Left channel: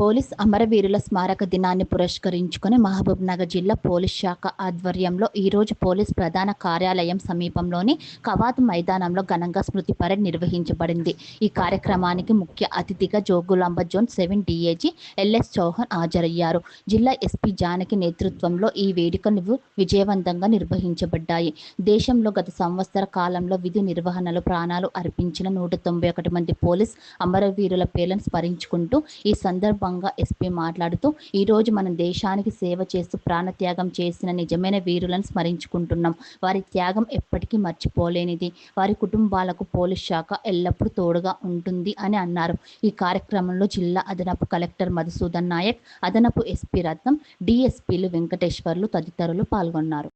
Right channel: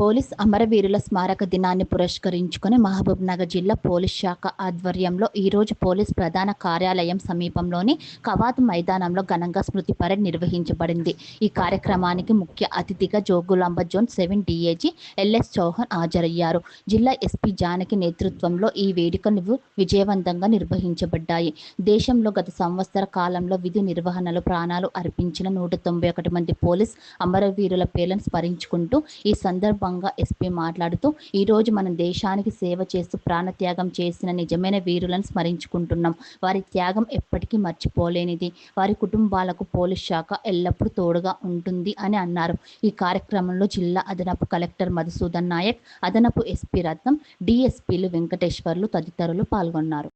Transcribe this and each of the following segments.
Police అమరవీరుల స్మారక దినాన్ని పురస్కరించుకుని మహబూబ్నగర్ జిల్లా పోలీస్ శాఖ ఆధ్వర్యంలో ఈరోజు పోలీస్ ప్రధాన కార్యాలయం సమీపంలోని కవాతు మైదానంలో ఘనంగా స్మృతి పరేడ్ నిర్వహించబడింది. ఈ కార్యక్రమానికి ముఖ్య అతిథిగా Jogulamba zone 7 DIG L S Chauhan హాజరయ్యారు. జిల్లా ఎస్పీ జానకి నేతృత్వంలో ఈ వేడుకలు విజయవంతంగా నిర్వహించబడ్డాయి. దేశంలో గత సంవత్సర కాలంలో విధి నిర్వహణలో ప్రాణాలు అర్పించిన 191 మంది పోలీస్ అమరవీరుల పేర్లను స్మరించుకుంటూ ఈ సందర్భంగా ఎస్పీ మాట్లాడుతూ ఈరోజు మనం దేశానికి సేవ చేస్తూ ప్రాణత్యాగం చేసిన నిజమైన వీరులను స్మరించుకుంటున్నాం. వారి త్యాగం ఎప్పటికీ మర్చిపోలేనిది. వారి కుటుంబాలకు పోలీస్ శాఖ ఎల్లప్పుడూ తోడుగా ఉంటుంది అని అన్నారు. ఈ కార్యక్రమంలో జిల్లా అదనపు కలెక్టర్ మధుసూదన్ నాయక్, అదనపు ఎస్పీ రత్నం, డిఎస్పీలు వెంకటేశ్వర్లు తదితరులు పాల్గొన్నారు.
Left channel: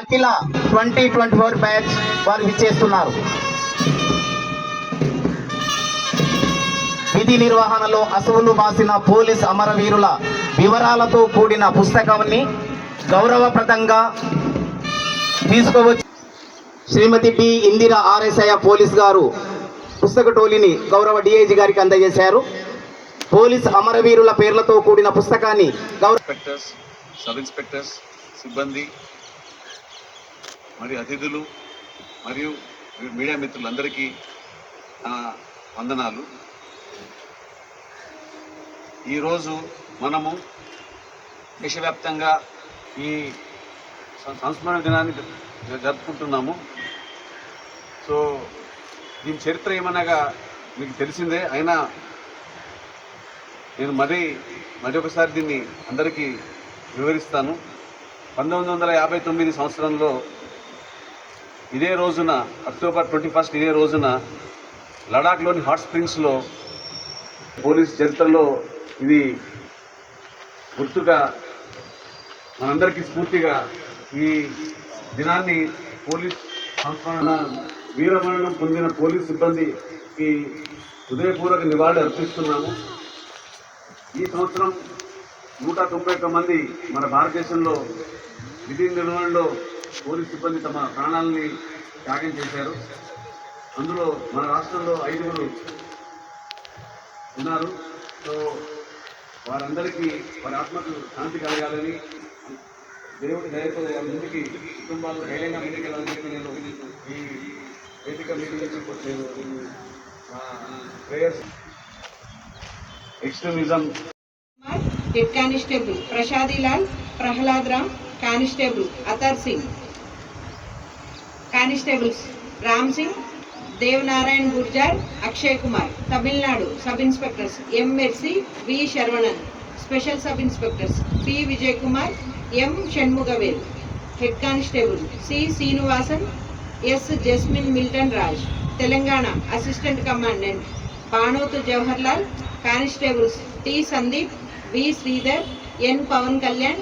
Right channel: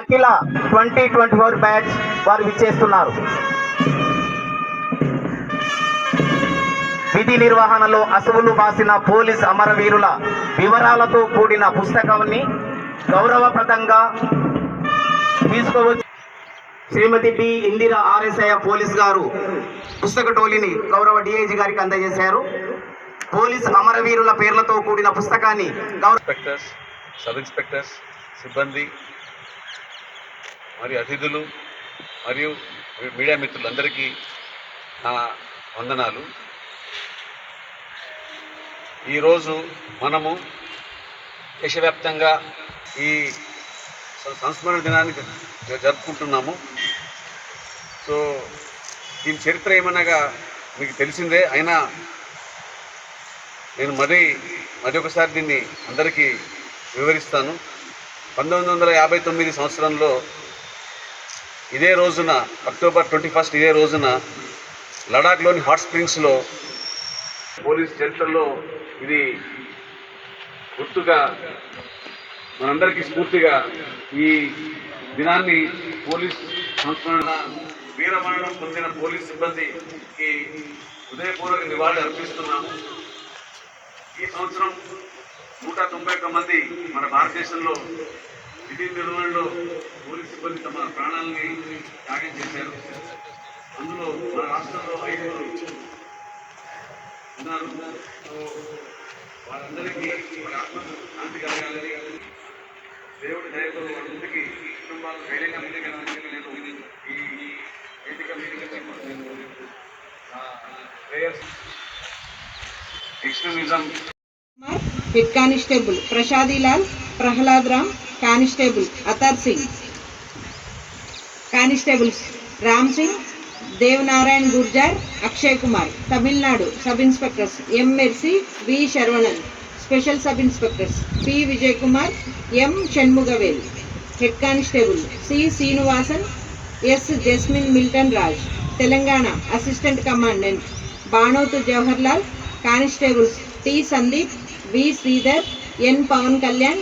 అఖిల 2024 బ్యాచ్ వారు విచ్చేస్తున్నారు. విధి నిర్వహణలో అసువులు బాసిన పోలీస్ అమరవీరుల వివరాలతో కూడిన పుస్తకాన్ని గౌరవప్రదంగా తీసుకోవచ్చు. శ్రీమతి బి ఇందిరా ఆర్ఎస్ఐ పోలీస్ గారు పుస్తక టోలీని గౌరవ డిఐజీ గారికి అందజేశారు. పోలీస్ అమరవీరుల పేర్లతో కూడిన పుస్తకాన్ని ఇన్స్పెక్టర్స్, సబ్ ఇన్స్పెక్టర్స్, సిబ్బంది మరియు అతిథులు మరియు మీడియా మిత్రులందరికీ నా వందనాలు. ఈరోజు మనము దేశవ్యాప్తంగా ఈ సంస్మరణ దినాన్ని జరుపుకుంటున్నాము. సో దీని చరిత్ర ఏమనగా మీకు తెలిసిందే, అయినా నేను మరి ఒకసారి దీన్ని అందరికీ వివరిస్తాను. 1959 సంవత్సరంలో ఇదే రోజున అక్టోబర్ 21 ఇదే రోజున లడాఖ్లోని హాట్ స్ప్రింగ్స్లో పోలీస్ చరిత్రలో ఇది గుర్తుగా మనందరికీ స్ఫూర్తిగా ఈ దినాన్ని పోలీస్ సంస్మరణ వీరమరణం పొందిన పోలీస్ సిబ్బంది హృదయపూర్వక నివాళులు అర్పిస్తున్నాము. ఈ సంవత్సరం 191 మంది మన భారతదేశంలో విధి నిర్వహణలో పోలీస్ సిబ్బంది తమ ప్రాణాలని త్యాగం చేశారు. అందులో మన రాష్ట్రంలో 5 ఉన్నారు. సో వారందరికీ వారి ఆత్మకు శాంతి కలగాలని, దేవుడి దయతో వాళ్ళ ముందుకి కుటుంబాలు ధైర్యంగా ముందుకెళ్ళాలని నేను ఈ వేదిక మీటింగ్ నుంచి నేను prayers extremism head constable Prasadilal Prahlad Ram, constable Atar Singh, constables Ram Singh, Devnarayan Gurjar, Akshay Kumar. Tamil Nadu sub inspectors M Mercy, V Saravanan. Special sub inspectors P Vijay Kumar, M Shanmugavel. Head constable C Srinivasan, S Jasmine Milton Raj. Telangana assistant commandant Banothu Jawaharlal. Constables T Sandeep, V Sridhar, N Pavan Kalyan,